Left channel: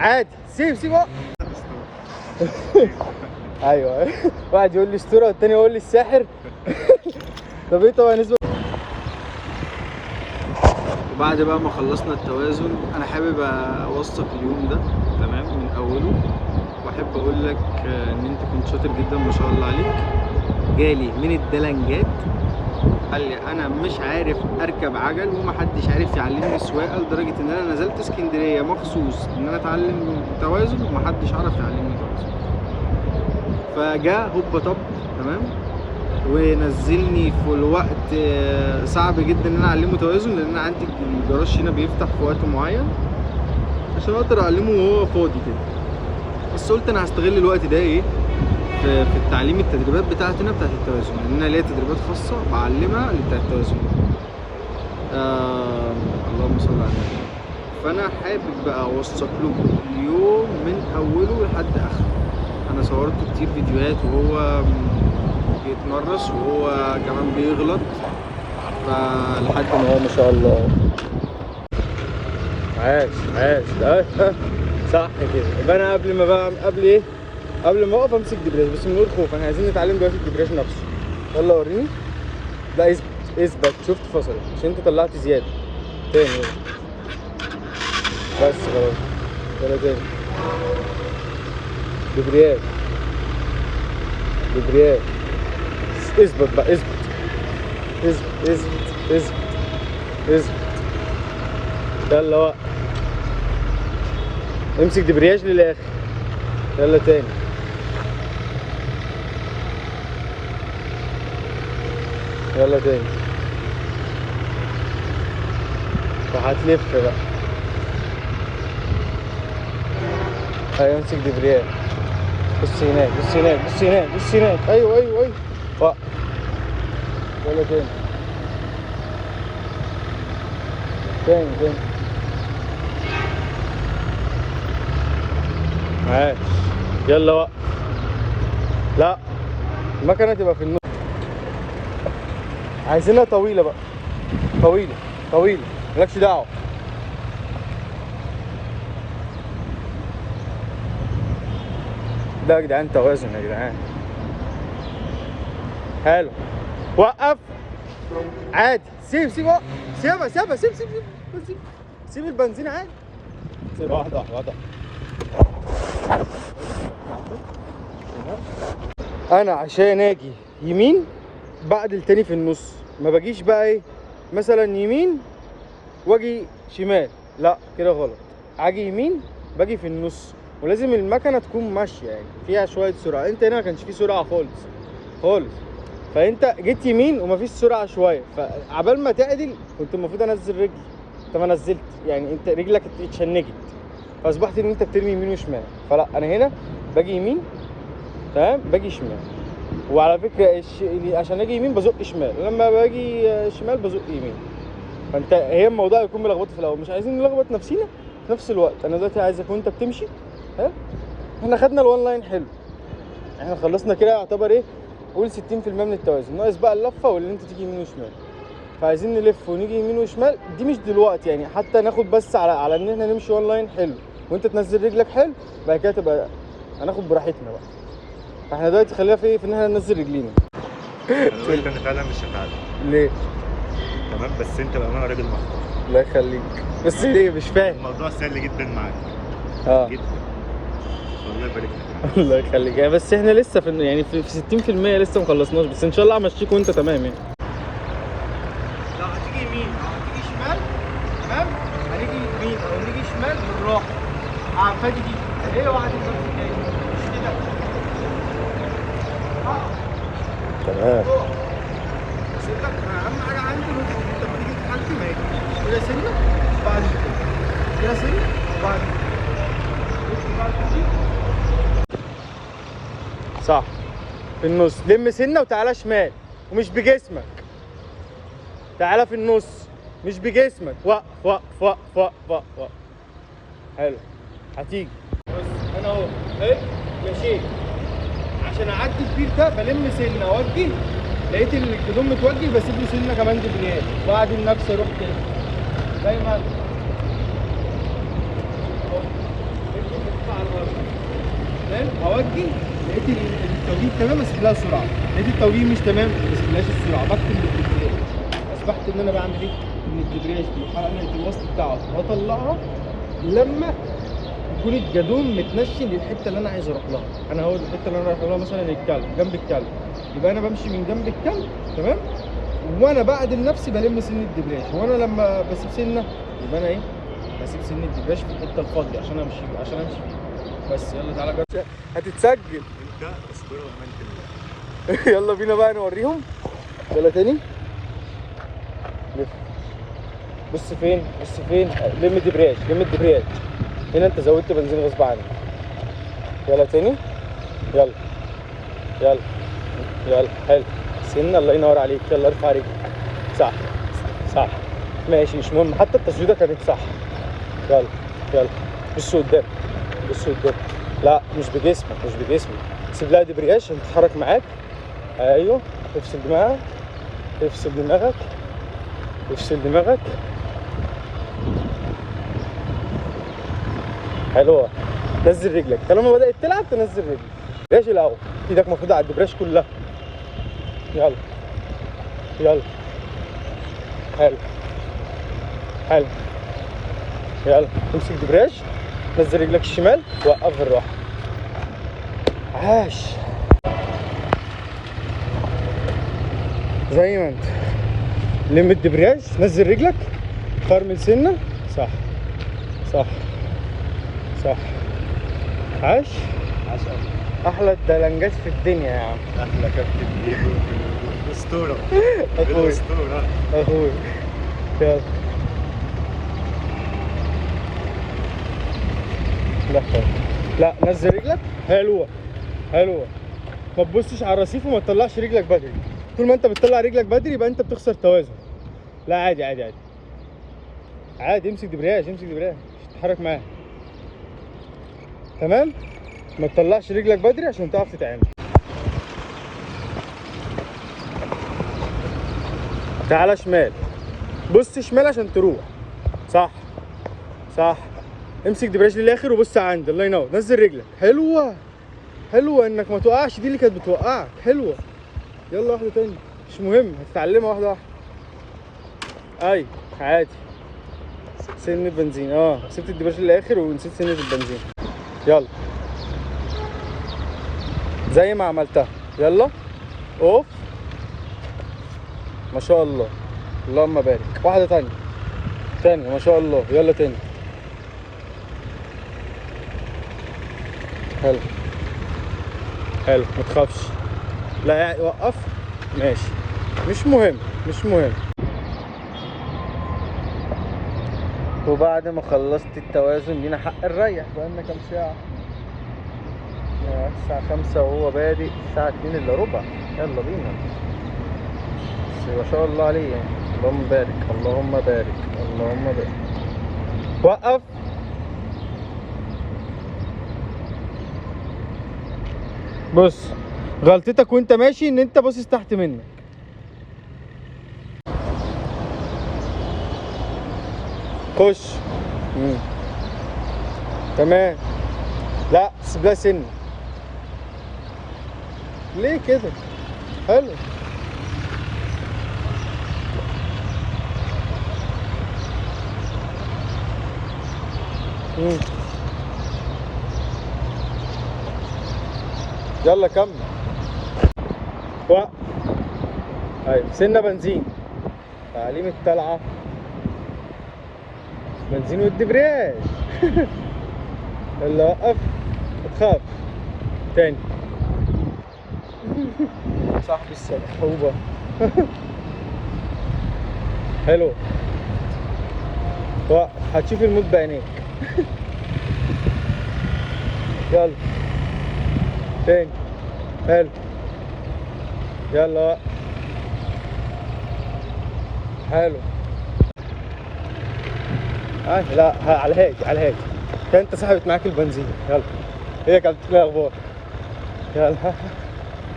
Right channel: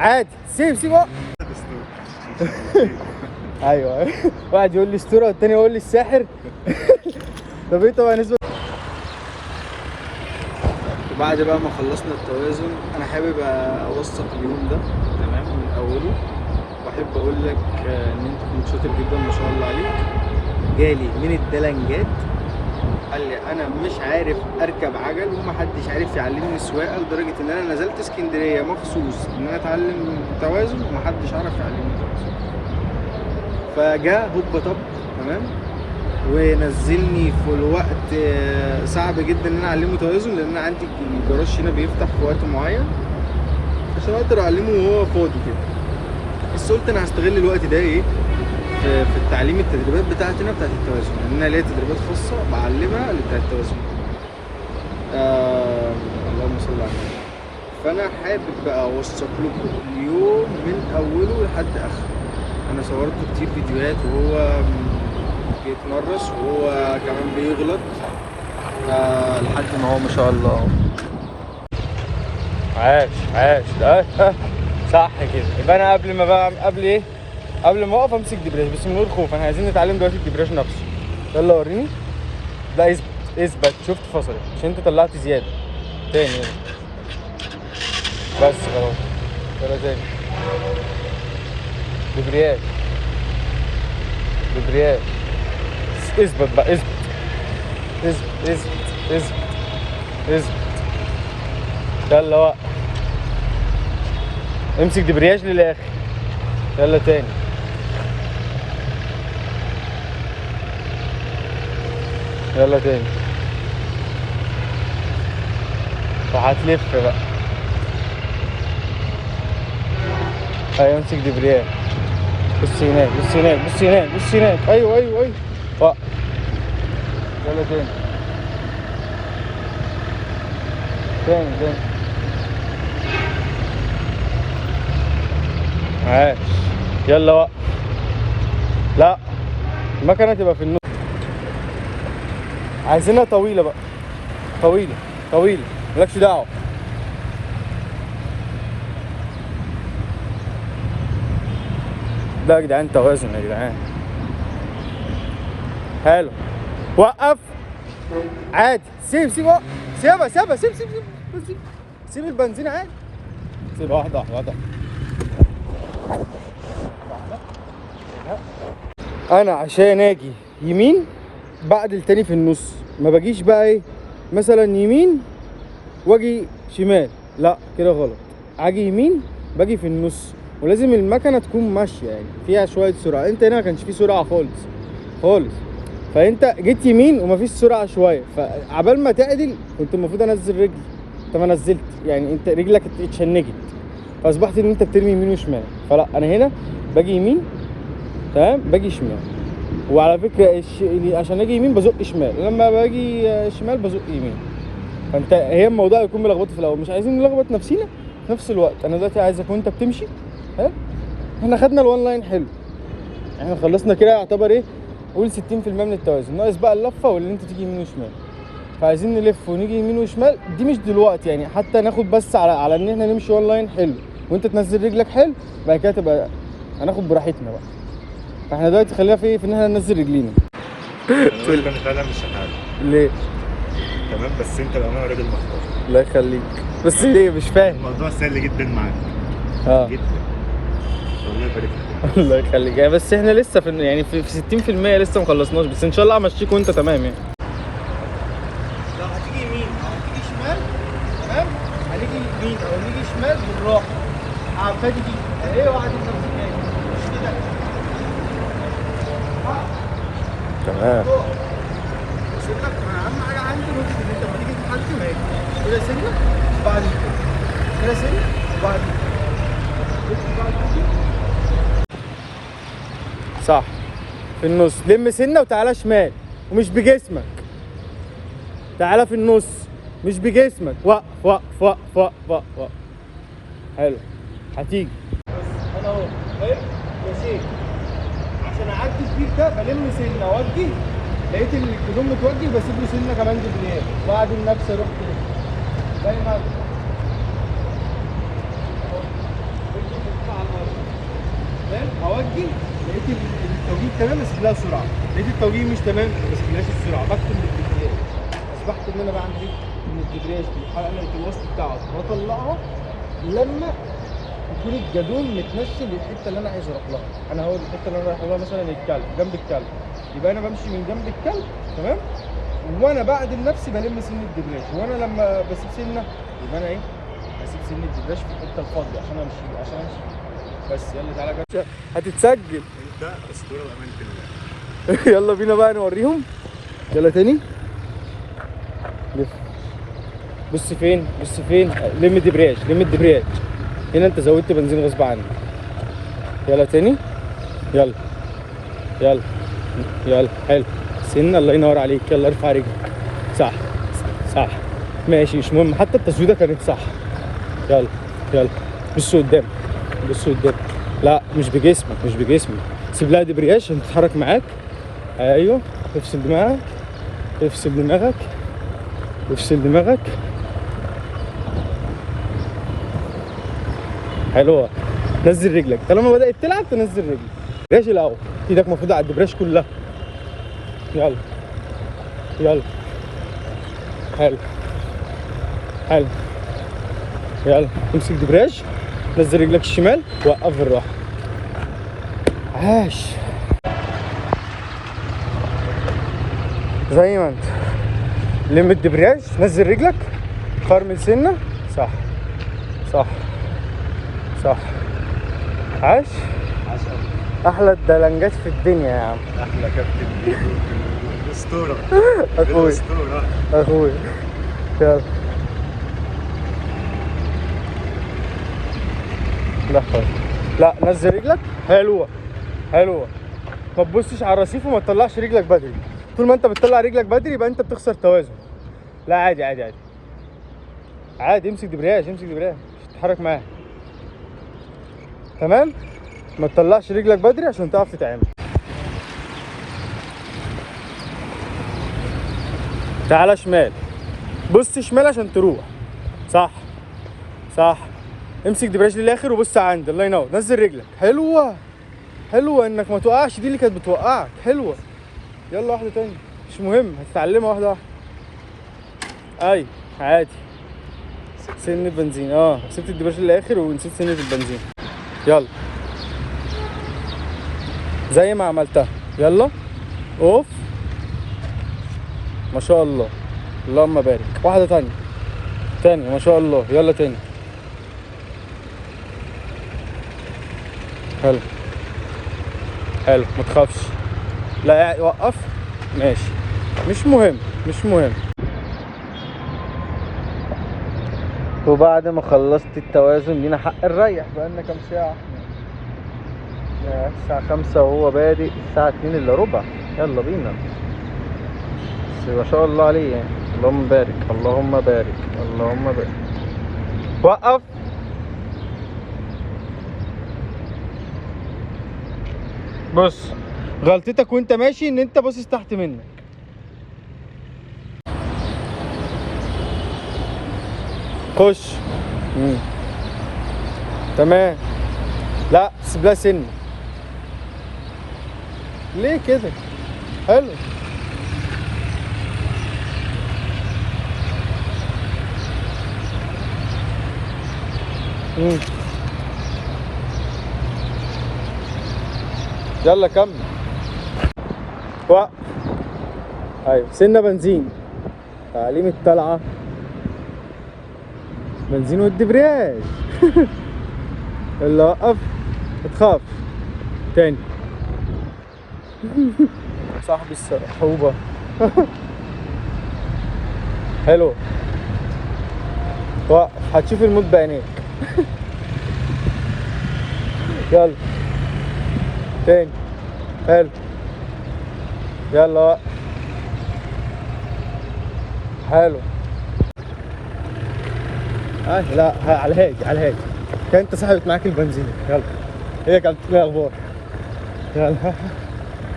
عادي سيب بقى. ايوه واحد يقول لي اسطوره والتاني يقول لي الساحر. طب ايه طبعا نسبه. وبعد بقى ما خلصنا التوازن انا حابب اوثق اليوم ده تمام من اوله، واحب اقول لك ان انت كنت شاطر جدا ما شاء الله عليك. جالي من الدلنجات قال لي انا مش عارف اركب عجل ومحدش عارف يعلمني سواقه، لدرجه ان انا نزلت اسكندريه مخصوص ان انا اتعلم توازن ومحدش عرف يعلمني توازن. فجاء هوبا طب تمام ونزلني في الوقت صعب جدا ان انا اعلمه توازن، لان انا عندي الجراج هنا بيفتح في وقت معين عشان اقدر اعلمه وهو فاضي كده. بس قلت انا هستغل الوقت ده ايه في التعليم، التدريبات بتاعتنا بتاعت التوازن، لان انا ليا تدريبات خاصه بعلمها بتاعت التوازن. اللهم صل على النبي. فانا حابب بقى اوثق لكم اليوم من اوله لحد اخره. انا صورت كتير فيديوهات وهو بيتمرس وهو كمان بيغلط، فلحد ما هو ما شاء الله. عاش صح كده. يبقى انا قبل ما اقف امسك دبرياج بس من غير خوف. احنا عايزين نتعلم دلوقتي الدبرياج نفسه. يلا وريني. لا اثبت شفت فصلت عشان انت طلعت زياده. تاني يلا. بس خلاص يلا تاني. دبرياج اثبت بقى اثبت يلا وقف. امسك دبرياج للاخر. يلا تاني. يلا تاني. وهتلف بقى. ايوه امسك دبرياج. بص هناك. ايوه وقف. يلا تاني. عاش. يلا وقف. لا المكنه تبقى في النص. عايزينها طويله بقى. طويله مالكش دعوه. لا يا جدعان توازن يا جدعان. حلو. وقف. عادي سيبها سيب البنزين عادي. سيب واحده. انا عشان اجي يمين بعدل تاني في النص، ما باجيش بقى ايه مثلا يمين واجي شمال، لا كده غلط. اجي يمين باجي في النص، ولازم المكنه تكون ماشيه يعني فيها شويه سرعه. انت هنا ما كانش فيه سرعه خالص، فانت جيت يمين ومفيش سرعه شويه، فعبال ما تعدل كنت المفروض انزل رجلي، انت ما نزلت يعني، انت رجلك اتشنجت فاصبحت ان انت بترمي يمين وشمال. فلا انا هنا باجي يمين تمام باجي شمال. وعلى فكره عشان اجي يمين بزق شمال، ولما باجي شمال بزق يمين. فانت هي الموضوع يكون ملخبط في الاول، مش عايزين نلخبط نفسينا في نفس الوقت. انا دلوقتي عايزك وانت بتمشي ها، احنا خدنا الوان لاين حلو، احنا خلصنا كده يعتبر ايه قول 60% من التوازن، ناقص بقى اللفه واللي انت تيجي يمين وشمال. فعايزين نلف ونيجي يمين وشمال، دي مش دلوقتي يعني، حتى ناخد بس على ان احنا نمشي وان لاين حلو وانت تنزل رجلك حلو، بعد كده تبقى هناخد براحتنا بقى. فاحنا دلوقتي خلينا في ايه، في ان احنا ننزل رجلينا. انا قلت انا فعلا مش هتعلم. ليه؟ تمام بس انت بقى راجل محترم. الله يخليك. بس ليه مش فاهم؟ الموضوع سهل جدا معاك. جدا. الله يبارك لك. الله يخليك يعني. بس احنا لسه في يعني في 60% لسه ما خلصناش، بس ان شاء الله همشيك وانت تمام يعني. لو هتيجي يمين او هتيجي شمال تمام، هنيجي يمين او نيجي شمال بالراحه. فادي دي اهي وقعدت نفسك تاني مش كده. تمام. بس انت اهم حاجه عندي انت بتيجي تحكم اهي كده سنه وبعد كده سنه وبعد صح في النص. لم سنه وتعالى شمال ومش بجسمك، تعالى في النص مش بجسمك. وقف. حلو هتيجي. بص انا اهو ايه ماشي عشان اعدي البير ده بلم سنه اوجه، لقيت الهدوم متوجه بسيب له سنه كمان دبرياج واعدل نفسي اروح كده زي ما باجي لقيت التوجيه تمام بس لها سرعه، لقيت التوجيه مش تمام بس لهاش السرعه، بكتب بالدبرياج. اصبحت ان انا بعمل ايه؟ ان الدبرياج بيحقق لي الوسط بتاعه واطلعها لما يكون الجدون متنشن للحته اللي انا عايز اروح لها. انا هو الحته اللي انا رايح لها مثلا الكلب، جنب الكلب، يبقى انا بمشي من جنب الكلب تمام، وانا بعدل نفسي بلم سن الدبرياج، وانا لما بسيب سنه يبقى انا ايه؟ بسيب سن الدبرياج في الحته الفاضيه عشان امشي فيه. بس يلا تعالى جرب. هتتسجل انت اسطوره بامانه الله. يلا بينا بقى نوريهم. يلا تاني لف. بص فين لم الدبرياج هنا، انت زودت بنزين غصب عنك. يلا تاني، يلا حلو سن، الله ينور عليك. يلا ارفع رجلك، صح ماشي، مش مهم، حتى التسويده كانت صح. يلا بص قدام، لا مش بجسمك، سيب لها دبرياج عشان تتحرك معاك. ايوه، افصل دماغك. حلوه. نزل رجلك طالما بدأت تلعب، تنزل رجلك. دبرياج الاول، ايدك المفروض على الدبرياج كلها. يلا حلو. يلا امسك دبرياج، نزل رجلك الشمال، وقف بالراحه. عاش. زي ما انت لم الدبرياج، نزل رجلك، فرمل سنه، صح. عاش. احلى الدلنجات في الدنيا يا عم. احلى كابتن ديجو، اسطوره اخوي يلا. لا نزل رجلك، حلوه. ما تبصش على الرصيف وما تطلعش رجلك بدري. طول ما انت بتطلع رجلك بدري يبقى انت بتخسر توازن. لا عادي امسك دبرياج مش تتحرك معاه. تمام، ما تطلعش رجلك بدري عشان تعرف تتعامل. تعالى شمال، بص شمال عشان تروح. صح. امسك دبرياج للاخر وبص عندي، الله ينور. نزل رجلك، حلوه انك ما توقعش، دي اللي كانت بتوقعك. حلوه. يلا واحده تاني، مش مهم، هتتعلمها واحده. ايوه عادي. سن البنزين، سبت الدبرياج للاخر ونسيت سنة البنزين. يلا زي ما عملتها. يلا اوف، ما شاء الله، اللهم بارك. واحده تاني ما شاء الله. يلا تاني، حلو ما تخافش. لا وقف، ماشي، مش مهم. وبعد ما خلصت التوازن لينا حق نريح. بقالنا كام ساعة؟ الساعة 5 وهو بادئ الساعة 2 الا ربع. يلا بينا. بس ما شاء الله عليه يعني، اللهم بارك. وقف. بص، غلطتك وانت ماشي ان انت باصص تحت منك. خش. تمام. لا سيب لها سن. ليه كده؟ حلو. يلا كمل. وقف. ايوه سنة بنزين، تعليم الطلعة، بنزين والدبرياج. يلا وقف، متخاف تاني. صاحب الصحوبة. حلو. وقف، هتشوف الموت بعينيك. يلا تاني، حلو. يلا وقف، حلو. لا على الهادي كان انت صاحبت معاك البنزين. يلا هي كانت الاخبار. يلا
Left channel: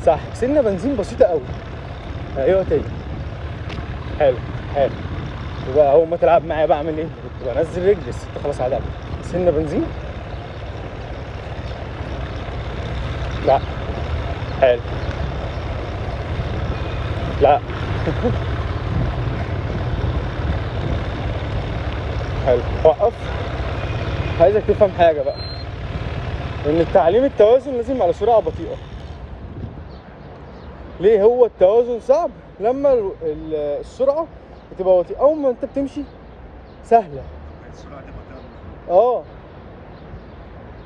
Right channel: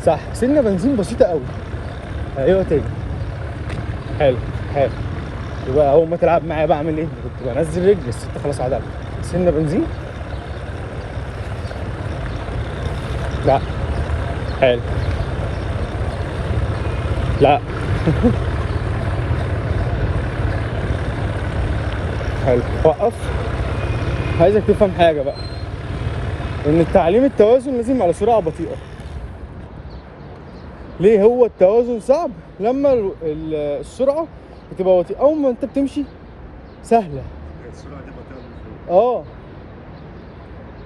صح، سنة بنزين بسيطة قوي. ايوه تاني، حلو. يبقى اول ما تلعب معايا بعمل ايه؟ كنت بنزل رجلي، الست خلاص عدلت. سنة بنزين، لا. حلو. لا. حلو. وقف. عايزك تفهم حاجة بقى، إن التعليم التوازن لازم على سرعة بطيئة. ليه هو التوازن صعب؟ لما السرعة بتبقى بطيئة، أول ما أنت بتمشي سهلة. السرعه دي بطيئه بالنسبه لي. اه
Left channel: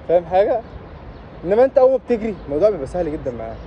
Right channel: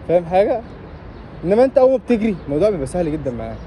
فاهم حاجة؟ انما انت اول ما بتجري الموضوع بيبقى سهل جدا معاك.